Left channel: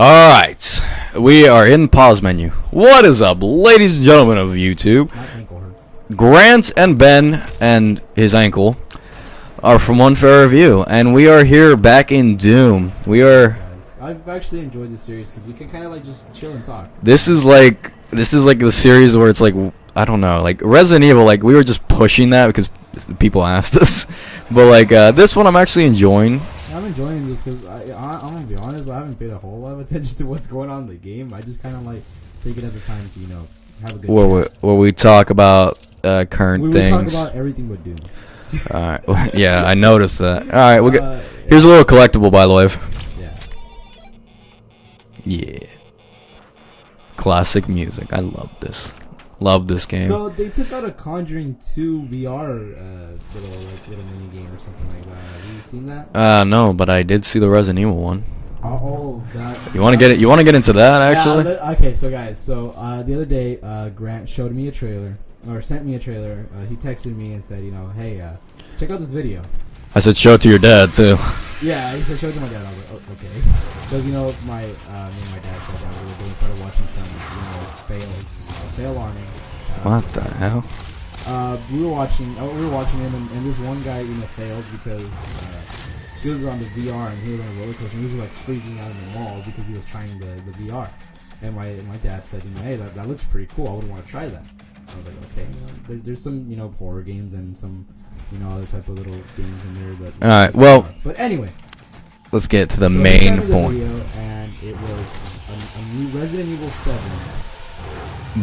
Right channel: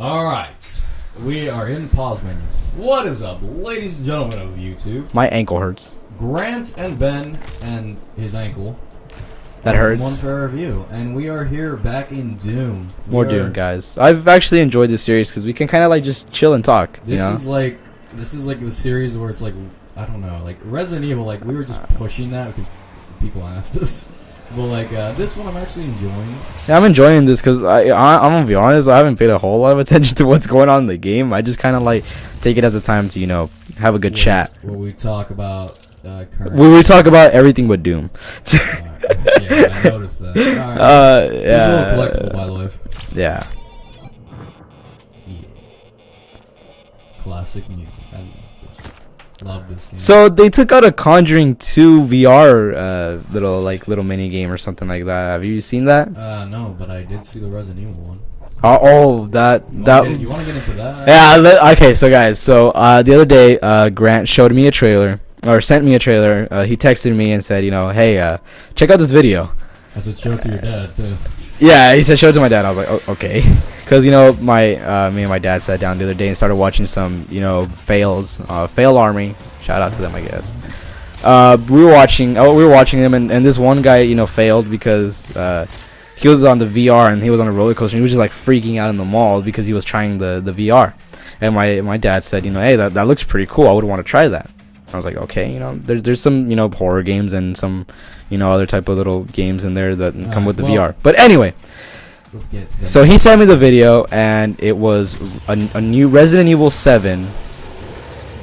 All right, we are in pause menu. What is up, ladies and gentlemen of YouTube? My ankle hurts. Grant and Ben and his ankle are That from hurts. Unfair Review, and we are here back in Doom. We Well are. done, guys. I've actually enjoyed this series because we can kind of like just chill and talk. This is like the series where it's like, I don't know, like Resident Evil. Like we were just pushing that because people asked us, but like this one I'm actually enjoying. Yeah, I'm enjoying this because I'm gonna be honest. I haven't paid a whole lot of attention to what's going on in the game. I just kind of like take it as a time to have a good chat. Where we talk about current. We talk things. about everything but Doom. Alright, yeah, I noticed that. All right, here's a little collectible, by the way. Yeah. Yeah. Classic music. I love this. Love this game. So they took out a Conjuring 2 VR little mini game or something like that. Have you seen that? No, but I did see the Resident Evil one. That. You want to get it? You want to get into that? Yeah. Okay. So guys. So the other day, Grant showed me a trailer or sent me a trailer. He texted me and said, hey, check out this video. I said show it to your dad too. Yeah, he said show it to my dad. I was like, oh, okay, because me and my dad sat down the other day and started watching some fails, Fail Army. Shout out to them, I guess. We were watching them, and this one guy failed because he was on the VR and he was on a roller coaster. And he was just like freaking out in the mall because he was trying the VR, and my dad said, hey, that looks pretty cool. I would want to try that. I was like, okay, there's some horror games and some other type of little games in there that come with the VR. But anyway, let's get to the. So he sent me the point. video, and it was a new Resident Evil 7.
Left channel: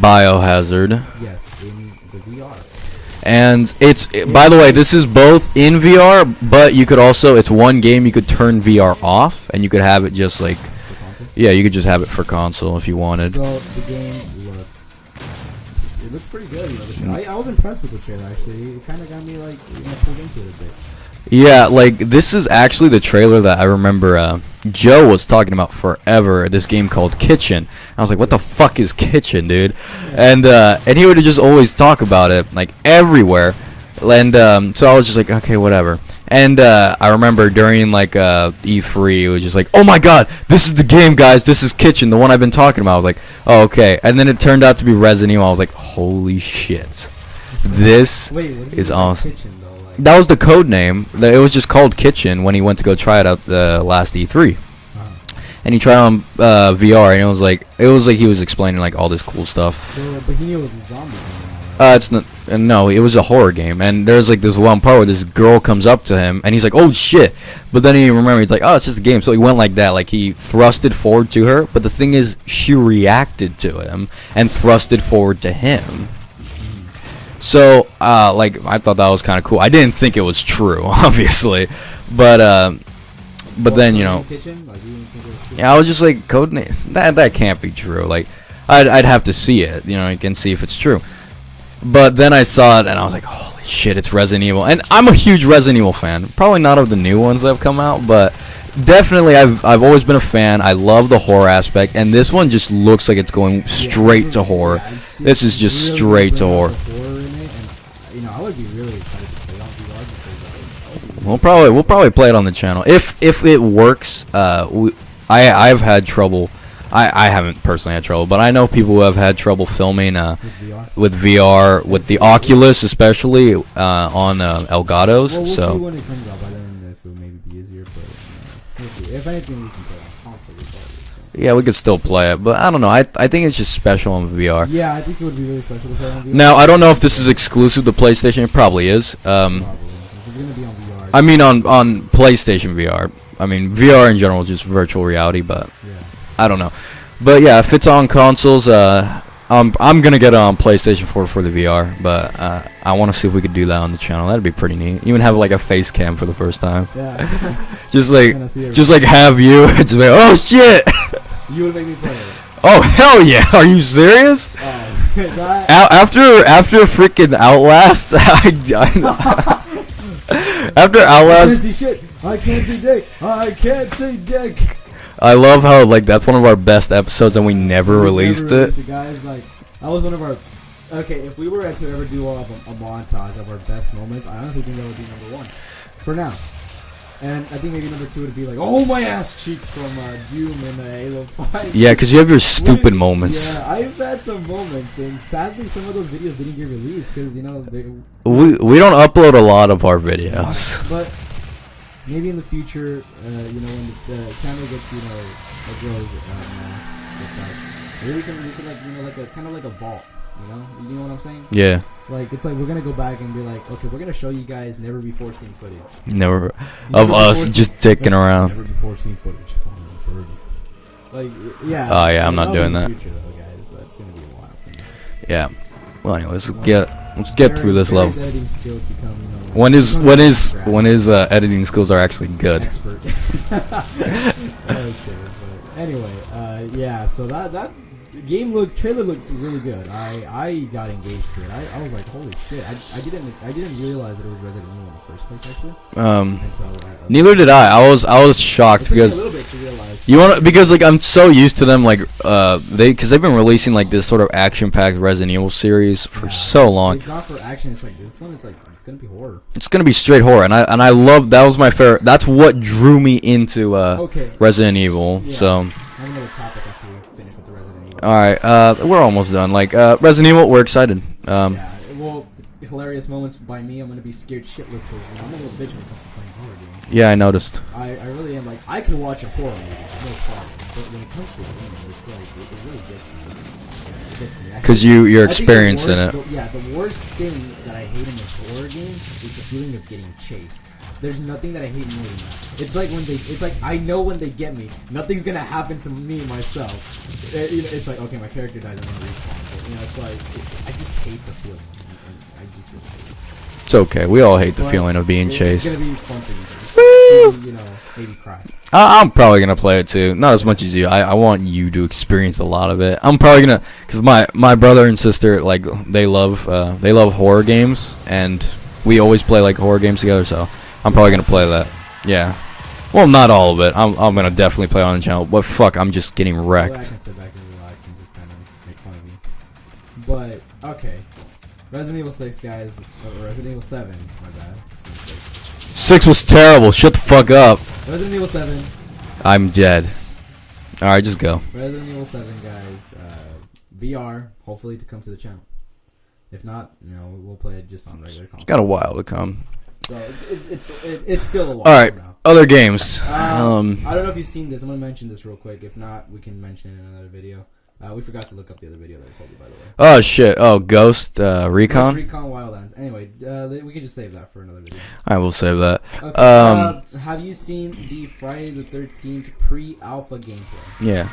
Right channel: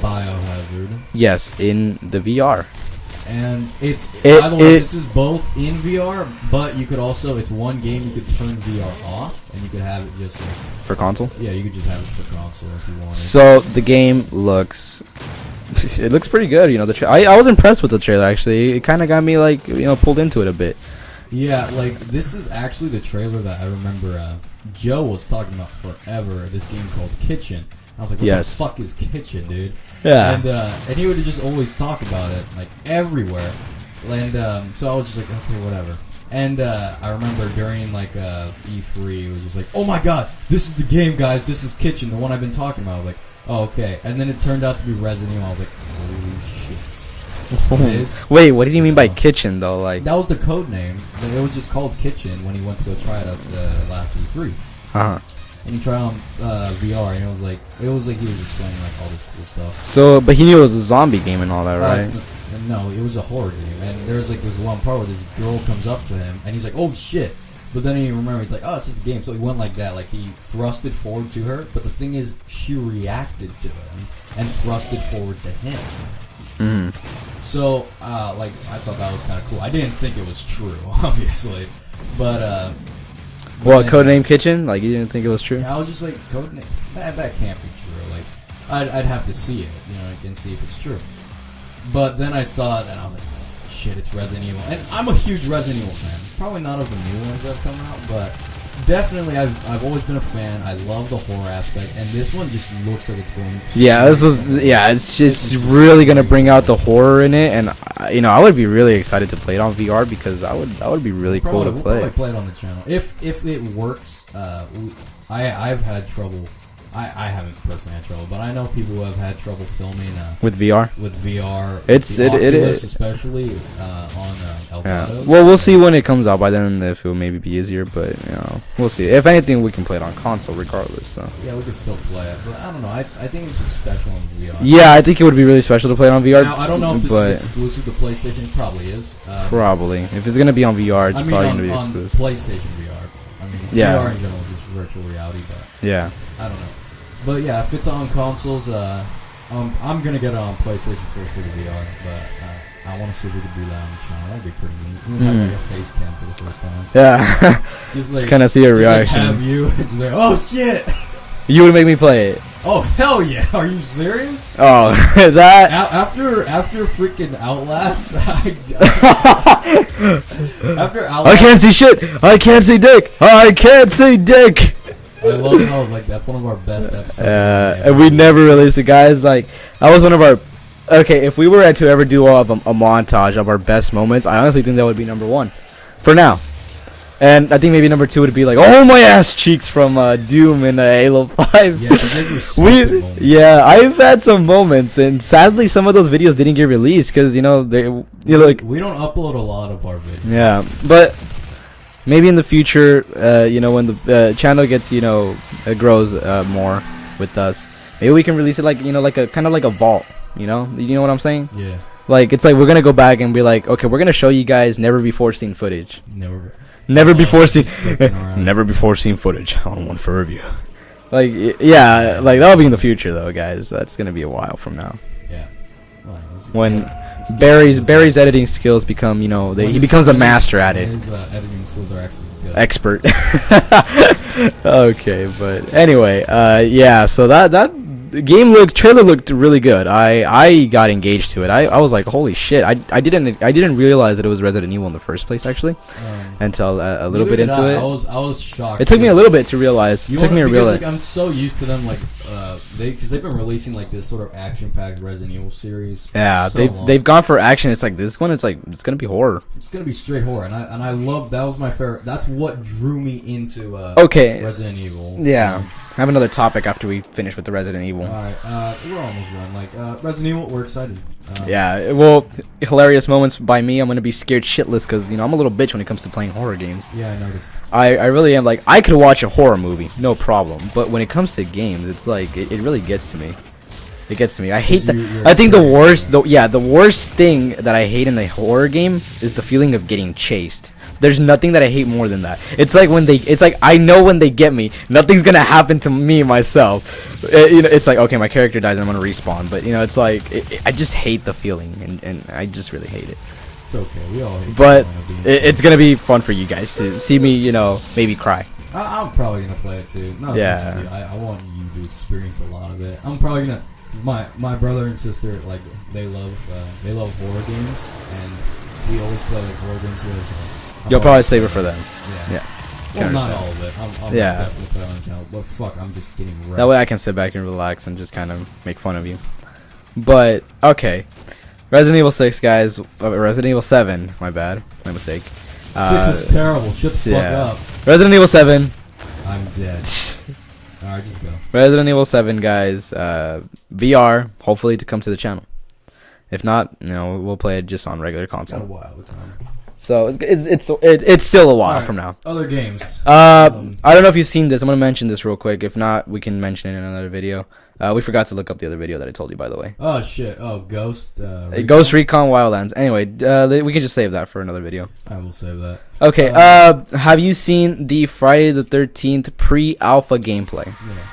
Biohazard. Yes, in the VR. And by the way, this is both in VR, but you could also, it's one game you could turn VR off, and you could have it just like For console? Yeah, you could just have it for console if you wanted. So the game looks pretty good. I was impressed with the trailer actually. It kind of got me like pulled into it a bit. Yeah, like this is actually the trailer that I remember Joe was talking about forever. This game called Kitchen. I was like, what the fuck is Kitchen, dude? Yeah. And he would just always talk about it like everywhere. And so I was just like, okay, whatever. And I remember during like E3, it was just like, oh my god, this is the game, guys. This is Kitchen, the one I've been talking about. I was like, oh, okay. And then it turned out to be Resident Evil. I was like, holy shit. This. Wait, what did you mean by awesome. Kitchen though? Like that was the code name. It was just called Kitchen when he went to go try it out the last E3. And he tried on VR, and it was like he was explaining like all this cool stuff. So, but he knew it was a zombie game and all that, right? It's not. No, it was a horror game, and there's like this one part where this girl comes up to him, and he's like, "Oh shit!" But then he remembered, he's like, "Oh, it's just a game." So he went like that, like he thrusted forward to her. But the thing is, she reacted to him and thrusted forward to him. So, like, I thought that was kind of cool. I didn't think it was true, obviously, but then Codename Kitchen, like you didn't think it was true? Yeah, I was just like, codename. That can't be true. Like, I'd have to see it, you can see if it's true. But then I saw it and I was like, holy shit, it's Resident Evil. And I'm a huge Resident Evil fan. Probably not of the new ones that have come out, but definitely I've always been a fan. I love the horror aspect, and this one just looks like it's going straight to horror. Yeah, it's This is just really gonna straight bring to out horror. the horror in it, and I would be really excited to play it on VR because that would be really. We'll probably play it on the channel if it works. I've had trouble. I haven't personally had trouble, but I know people who have had trouble filming with VR. With the Oculus, especially on Elgato's. Well, we'll see when it comes out. By then, if it will maybe be easier, but we'll see. If anything, we can play it on console regardless. So. Yeah, we could still play it, but I don't know. I think it's just special on VR. Yeah, I think it would be really special to play it on VR. Now, I don't know if this is exclusive to PlayStation. It probably is. Probably. If it's gonna be on VR. I mean, on PlayStation VR. I mean, VR in general is just virtual reality, but yeah. I don't know. But yeah, if it's on consoles, I'm gonna get it on PlayStation 4 for the VR. But I want to see if we could do that on the channel. That'd be pretty neat. Even have like a face cam for the first time. Yeah. just like kind of see just like have you just like, oh shit. You would make me play it. Oh hell yeah! Are you serious? Oh, that after freaking Outlast, after Outlast, I can't see shit. I can't see dick. I can't see dick. I love how like that's one of our best episodes and we never released it, guys. Like that was one of our. Okay, if we were to ever do a montage of our best moments, I honestly think that would be number one. For now. And I think maybe number 2 would be like, oh my ass cheeks from Doom and Halo 5. Yeah, because you have your stupid moments. Yeah, I've had some moments, and sadly, some of those videos didn't get released because we don't upload a lot of our videos. Yeah, but maybe in the future, when the channel gets, grows more with us, maybe we can release it like, like a kind of like a vault. You know what I'm saying? Yeah. Like, it's like we're gonna go back and be like, okay, we're gonna show you guys never before seen footage. Never before seen, just dicking around. Never before seen footage on one for review. Like, yeah, like that'll be in the future though, guys. That's gonna be a while from now. Yeah. Well, anyways, when Barry's editing skills become, when he becomes a master at it. When his editing skills are actually good. Expert. Okay, but anyway, yeah. So that trailer looked really good. I got engaged to it. I was like, holy shit! I didn't realize that it was Resident Evil in the first place, actually. Until neither did I. I was shocked. It took me a little bit to realize. Like I'm so used to them, like because they've been releasing like this sort of action-packed Resident Evil series for so long. They've gone for action. It's like this one. It's like it's gonna be horror. It's gonna be straight horror, and I love that was my favorite. That's what drew me into Resident Evil. Yeah. So. I have another topic after we finish with the Resident Evil. All right, we're almost done. Like Resident Evil, we're excited. Yeah, well, hilarious moments by me. I'm gonna be scared shitless because I'm a little bitch when it comes to playing horror games. Yeah, I noticed. I really am. Like, I could watch a horror movie, no problem. But when it comes to games, it's like it really gets to me. It gets to me. I hate you're I think the worst, it. the worst thing that I hate in a horror game is the feeling of getting chased. There's nothing that I hate more than that. It's like I know when they get me, nothing's gonna happen to me myself. It's like, okay, my character dies and I'm gonna respawn. But it's like I just hate the feeling, and I just really hate it. It's okay. We all hate the feeling of being chased. It's gonna be fun for you guys to see me, maybe cry. I'm probably gonna play it too. Not as much as you. I want you to experience a lot of it. I'm probably gonna, because my brother and sister, like, they love horror games, and we always play like horror games together. So. I'm probably gonna play that. Yeah. Well, not all of it. I'm gonna definitely play on the channel. But fuck, I'm just getting wrecked. That way I can sit back and relax and just kind of make fun of you. But okay, Resident Evil 6, guys. Resident Evil 7. My bad. My mistake. 6 was terrible. Shut the fuck up. Resident Evil 7. I'm dead. All right, just go. Resident Evil 7, guys. VR. Hopefully to come to the channel. If not, we'll play it just on regular console. Got a while to come. So it's still a while from now. Other games. I don't know if you've seen this. I'm gonna mention this real quick. If not, we can mention it in another video. We forgot to look up the other video that I told you, by the way. Oh shit! Oh, Ghost Recon. Ghost Recon Wildlands. Anyway, we can just save that for another video. I will save that. Okay. Have you seen the Friday the 13th pre-alpha gameplay? Yeah.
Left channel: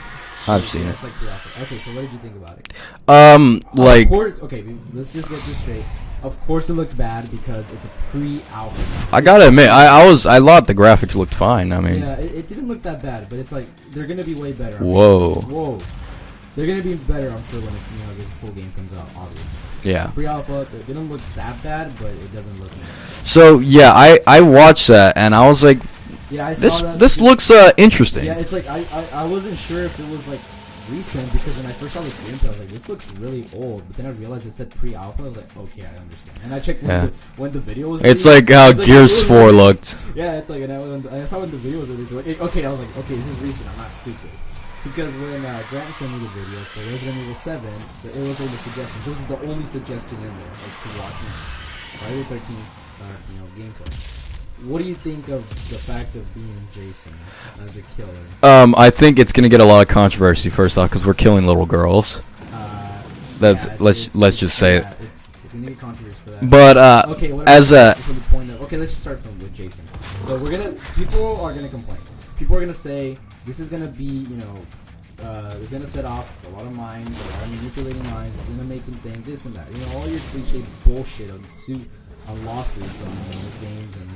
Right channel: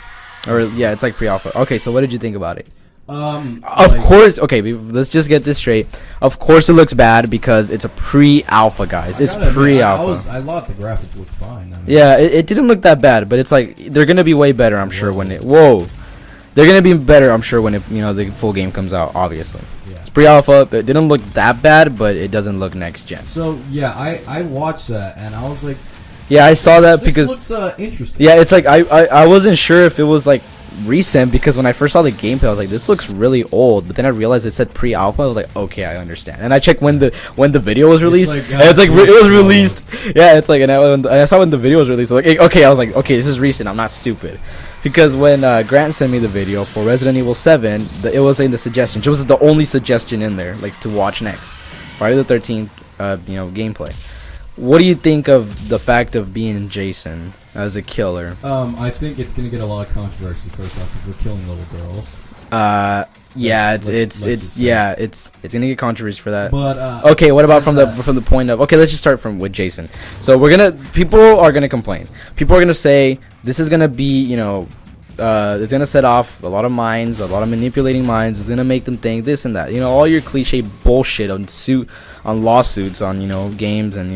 Yeah, it's like pre-alpha. Okay, so what did you think about it? Of course. Okay, let's just get this straight. Of course, it looks bad because it's a pre-alpha, guys. I gotta admit, I thought the graphics looked fine. I mean, yeah, it didn't look that bad, but it's like they're gonna be way better. I'm sure. They're gonna be better. I'm sure when the full game comes out. Obviously. Yeah. It's pre-alpha. It didn't look that bad, but it doesn't look next gen. So yeah, I watched that and I was like. Yeah, I saw that. This looks interesting. Yeah, it's like I wasn't sure if it was like recent because when I first saw the gameplay, I was like, this looks really old. But then I realized it said pre-alpha. I was like, okay, I understand. And I checked when the video was released. It's like how Gears 4 looked. Yeah, it's like, and I saw when the video was released. I was like, okay, I was like, okay, this is recent. I'm not stupid. Because when Grant sent me the video for Resident Evil 7, it was in the suggestions. It was the only suggestion in there, like to watch next. Friday the 13th, gameplay. What do you think of the fact of being Jason as a killer? I think it's gonna get a lot of controversy first off because we're killing little girls. Let's just say it's gonna get controversy for that. But okay, what about from the point of let's just start with Jason. So people are gonna complain. People are gonna say this is gonna be it's gonna set off a lot of minds, a lot of manipulating minds. It's gonna make them think this and that. All your cliche bullshit on lawsuits on games and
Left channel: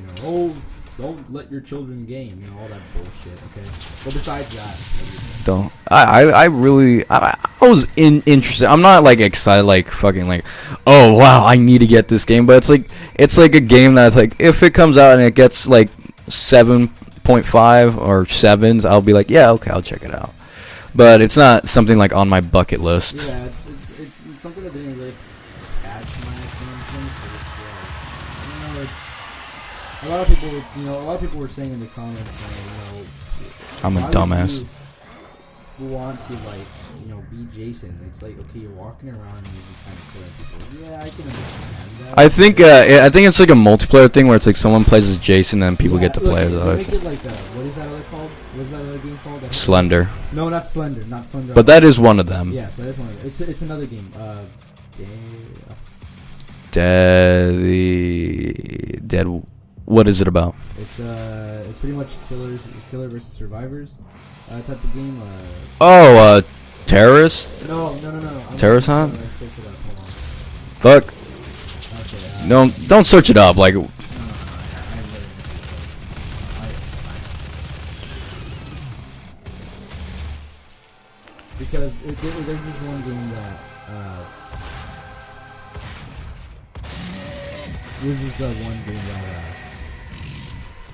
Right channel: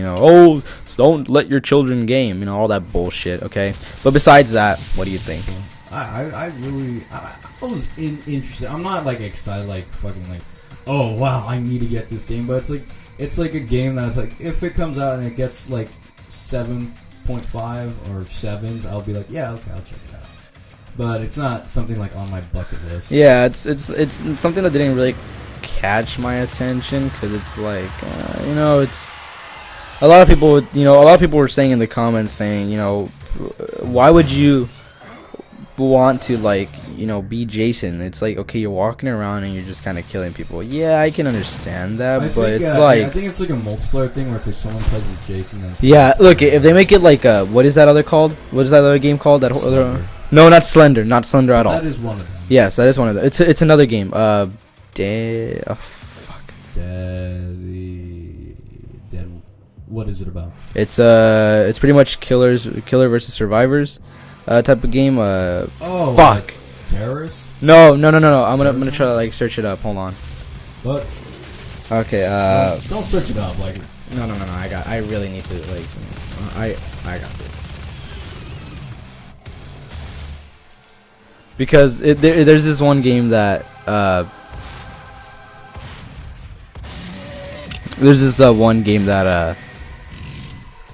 don't let your children game, all that bullshit. Okay, but besides that, what do you think? I was interested. I'm not like excited like fucking like, oh wow, I need to get this game, but it's like a game that's like if it comes out and it gets like 7.5 or 7s, I'll be like, yeah, okay, I'll check it out. But it's not something like on my bucket list. Yeah, it's something that didn't really catch my attention because it's like a lot of people, a lot of people were saying in the comments, saying, I'm a why would dumbass. you want to like, be Jason? It's like, okay, you're walking around and you're just kind of killing people. Yeah, I can understand that. I but think it's like- I think it's like a multiplayer thing where it's like someone plays as Jason and people. yeah, get to look, play if as they us. make it like what is that other called? What is that other game called? That Slender, no, not Slender, not Slender. but at that all. is one of them. Yes, that is one of them. It's another game. Dead. What is it about? It's pretty much killer versus survivors, type of game. Oh, terrorist. No. I'm gonna Terrorist try to Hunt? like search it up. Hold on. Fuck. Okay. Don't search it up. Like, No. I really need to like. I got this. Because there's this one game that there's this one game that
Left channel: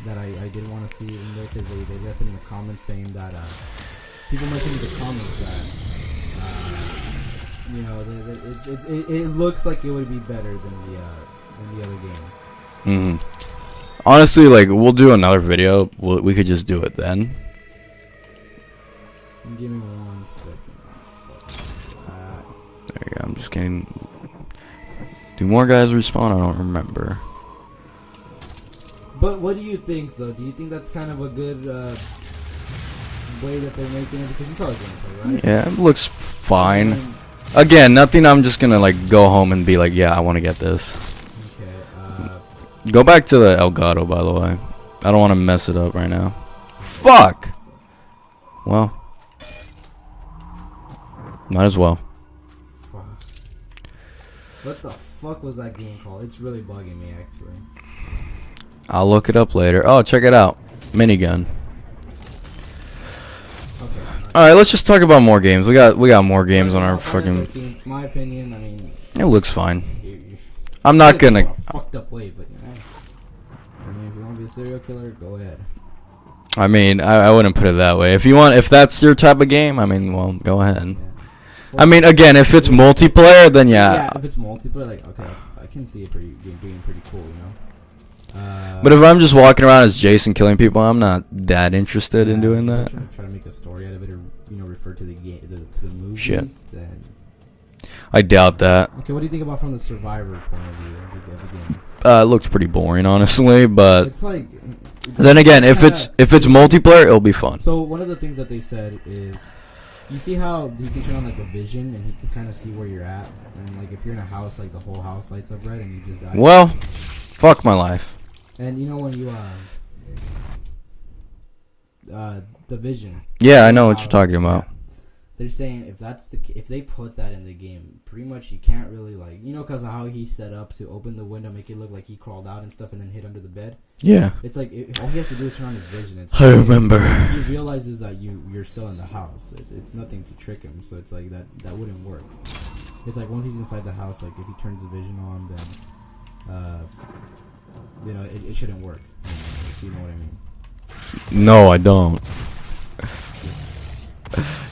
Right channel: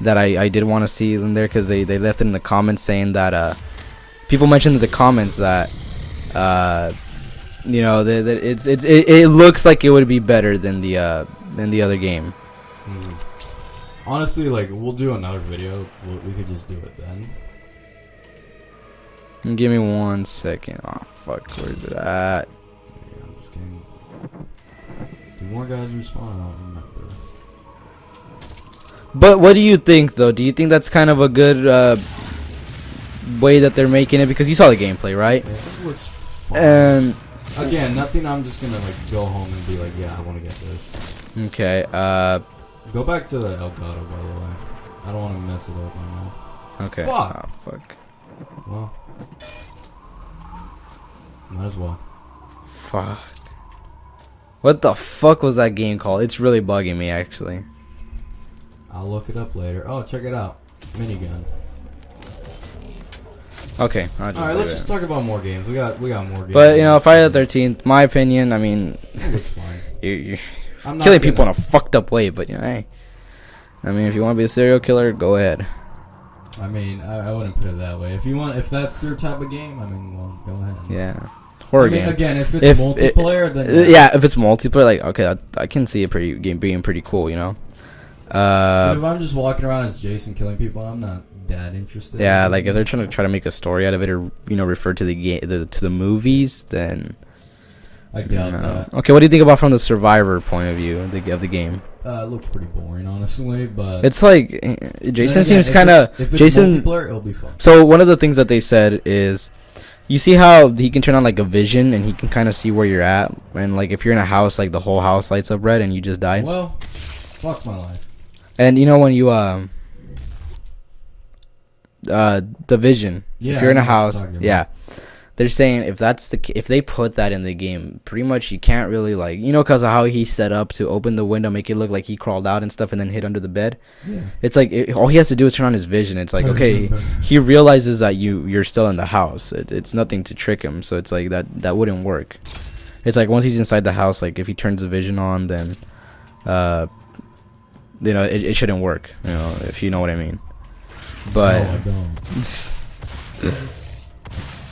that I did want to see in there because they left it in the comments saying that people mentioned in the comments that that it looks like it would be better than the other game. mhm. Honestly, like, we'll do another video. We could just do it then. Give me 1 second. Oh fuck, where's it at? There you go. I'm just kidding. Do more guys respawn? I don't remember. But what do you think though? Do you think that's kind of a good way that they're making it? Because you saw the gameplay, right? Yeah, it looks fine. And, Again, nothing. I'm just gonna like go home and be like, yeah, I want to get this. okay. Go back to the Elgato, by the way. I don't want to mess it up right now. Okay. Fuck. Oh, fuck. Well, might as well. Fuck. What the fuck was that game called? It's really bugging me actually. I'll look it up later. Oh, check it out. Minigun. Okay. All right, let's just talk about more games. We got more games. But on our Friday the fucking- 13th. My opinion. I mean, It looks fine. you're I'm killing not people in gonna. a fucked up way, but hey. I mean, if you want to be a serial killer, go ahead. I mean, I wouldn't put it that way. If that's your type of game, I mean, well, go ahead. Yeah. I mean, again, if it's If multiplayer, then yeah. Yeah, if it's multiplayer, like okay, I can see it being pretty cool, But if I'm just walking around as Jason killing people, I'm not that interested. yeah, in like if doing they're that. trying to make a story out of it or refer to the game to the movies, then I doubt that. Okay, what do you think about from the survivor point of view of the game? It looked pretty boring, honestly. But It's like then again, if it's multiplayer, it'll be fun. So one of the things that they said is, you see how he can turn on like a vision and he can kind of see where you're at, and like if you're in a house, like the whole house lights up red and you just died. Well, fuck my life. And when you the vision. Yeah, you're I in a know what you're house, talking about. Yeah. They're saying if they put that in the game, pretty much you can't really like because of how he set up to open the window, make it look like he crawled out and stuff, and then hid under the bed. Yeah. It's like all he has to do is turn on his vision. It's like I okay, remember. he realizes that you're still in the house. It's nothing to trick him. So it's like that wouldn't work. It's like once he's inside the house, like if he turns the vision on, then it shouldn't work. If you know what I mean. But No, I don't.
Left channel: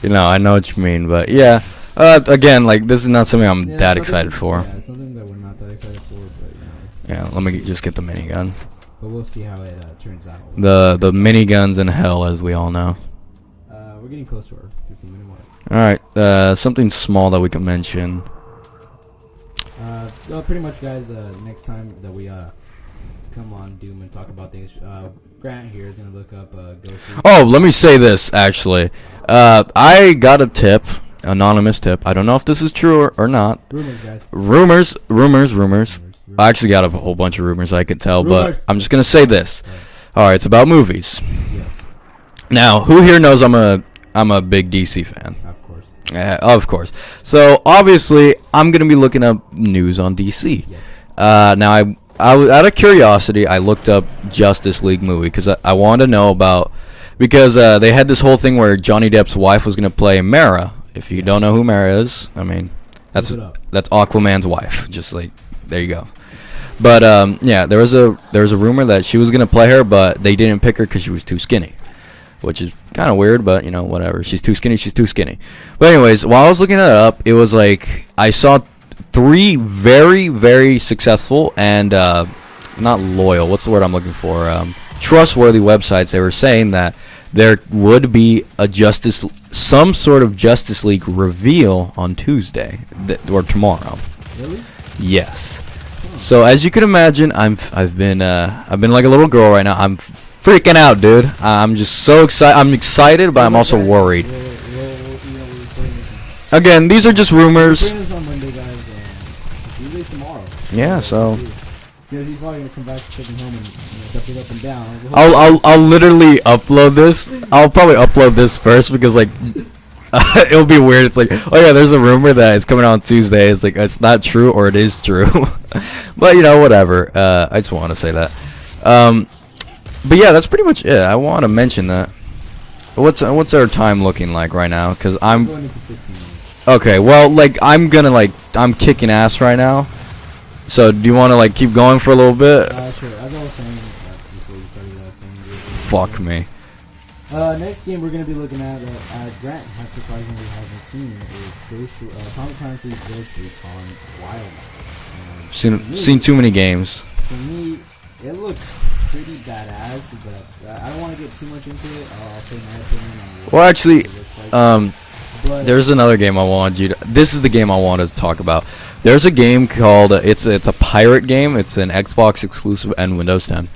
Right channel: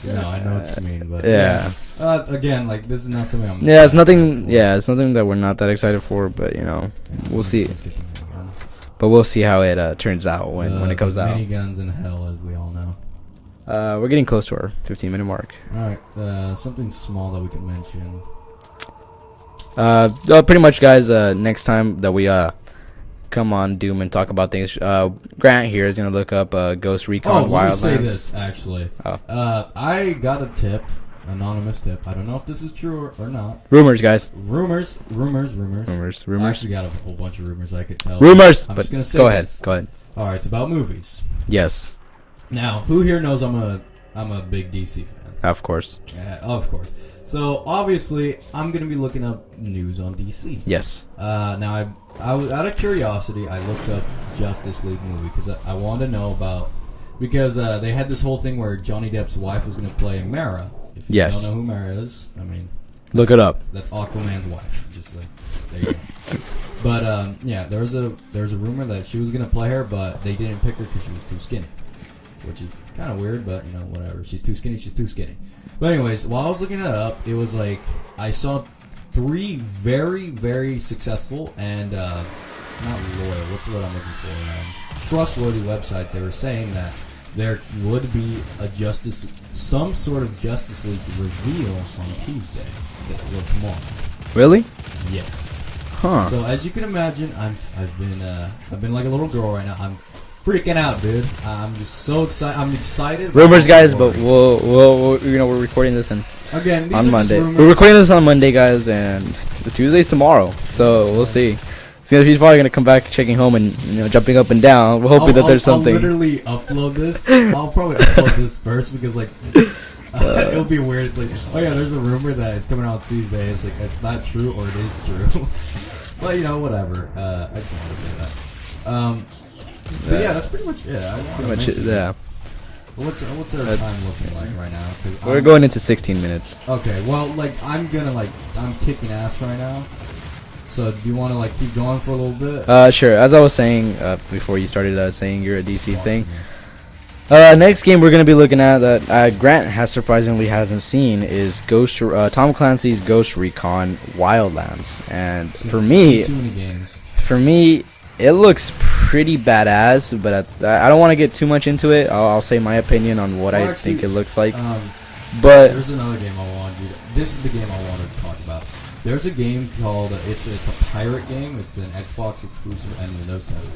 I know what you mean, but yeah. Again, like this is not something I'm yeah, that it's nothing. excited for. Yeah, it's nothing that we're not that excited for. But Yeah, we'll let me see. just get the minigun. But we'll see how it turns out. When The it comes out. miniguns in hell, as we all know. We're getting close to our 15-minute mark. All right, something small that we can mention. Pretty much, guys. Next time that we come on Doom and talk about things, Grant here is gonna look up Ghost Recon. Oh, let me Wildlands. say this actually. Oh. I got a tip, anonymous tip. I don't know if this is true or not. Rumors, guys. Rumors. Rumors. I actually got a whole bunch of rumors I could tell. but Rumors. I'm just gonna say Go ahead, this. Go ahead. All right, it's about movies. Yes, Now, who here knows I'm a big DC fan? of course. Of course. So obviously, I'm gonna be looking up news on DC. Yes. Now I was out of curiosity. I looked up Justice League movie because I wanted to know about because they had this whole thing where Johnny Depp's wife was gonna play Mara. If you Yes. don't know who Mara is, I mean, Look it up. That's Aquaman's wife. Just like there you go. But yeah, there was a rumor that she was gonna play her, but they didn't pick her because she was too skinny, which is kind of weird. But whatever. She's too skinny. She's too skinny. But anyways, while I was looking that up, it was like I saw 3 very very successful and not loyal. What's the word I'm looking for? Trustworthy websites. They were saying that there would be some sort of Justice League reveal on Tuesday or tomorrow. Really? Yes. Huh. So as you can imagine, I've been like a little girl right now. I'm freaking out, dude. I'm just so excited. I'm excited, but I'm also guys, worried. we're recording this Again, these are just Monday. rumors. We're recording this on Monday, guys, and the Tuesday's tomorrow. So, we'll see. He's probably gonna come back checking home and jumping up and down. I'll literally upload this. I'll probably upload this first because like it'll be weird. It's like, oh yeah, there's a rumor that it's coming out on Tuesday. It's like it's not true or it is true. But whatever. I just want to say that. But yeah, that's pretty much it. I want to mention that. What's our time looking like right now? Because I'm going into 16 minutes. Okay, well, like I'm kicking ass right now. So do you want to like keep going for a little bit? Sure. As I was saying before you started saying you're a DC Fuck thing. me. Next game we're gonna be looking at that Grant has surprisingly hasn't seen is Tom Clancy's Ghost Recon Wildlands, and Seen too many games. For me, it looks pretty badass, but I don't want to get too much into it. I'll say my opinion on what I think it looks like. But there's another game I wanted you to. This is the game I wanted to talk about. There's a game called it's a pirate game. It's an Xbox exclusive and Windows 10.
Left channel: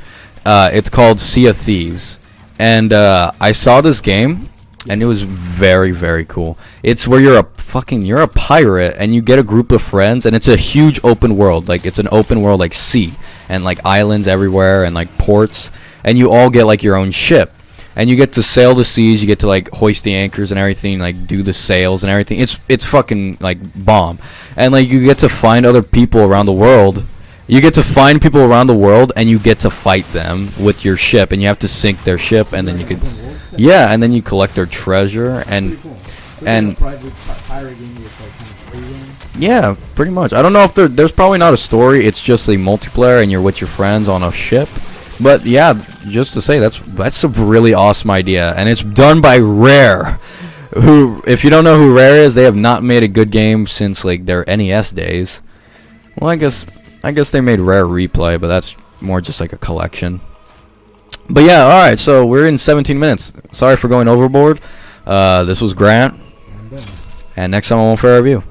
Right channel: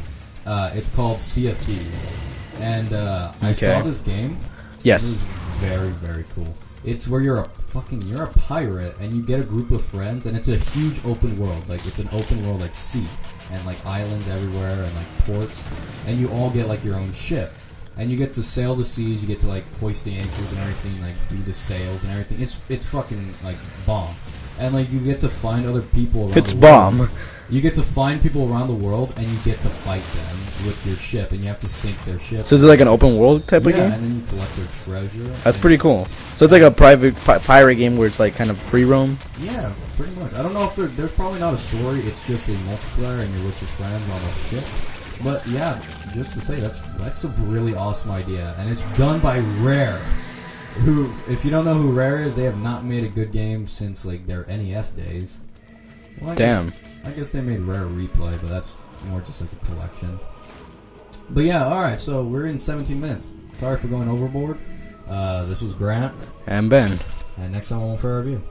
It's called Sea of Thieves, and I saw this game. Yes. And it was very, very cool. It's where you're a pirate and you get a group of friends, and it's a huge open world. Like it's an open world like sea and like islands everywhere and like ports, and you all get like your own ship. And you get to sail the seas, you get to like hoist the anchors and everything, like do the sails and everything. It's fucking like bomb. And like you get to find other people around the world. You get to find people around the world and you get to fight them with your ship, and you have to sink their ship. So is it like an open world type? Yeah, and then you collect their treasure. That's pretty cool. So it's like a private pirate game where it's like kind of free roam. Yeah, pretty much. I don't know if there's probably not a story. It's just a multiplayer and you're with your friends on a ship. But yeah, just to say that's a really awesome idea, and it's done by Rare. Who, if you don't know who Rare is, they have not made a good game since like their NES days. Well, I guess they made Rare Replay, but that's more just like a collection. But yeah, all right. So we're in 17 minutes. Sorry for going overboard. This was Grant and Ben, and next time on Fair Review.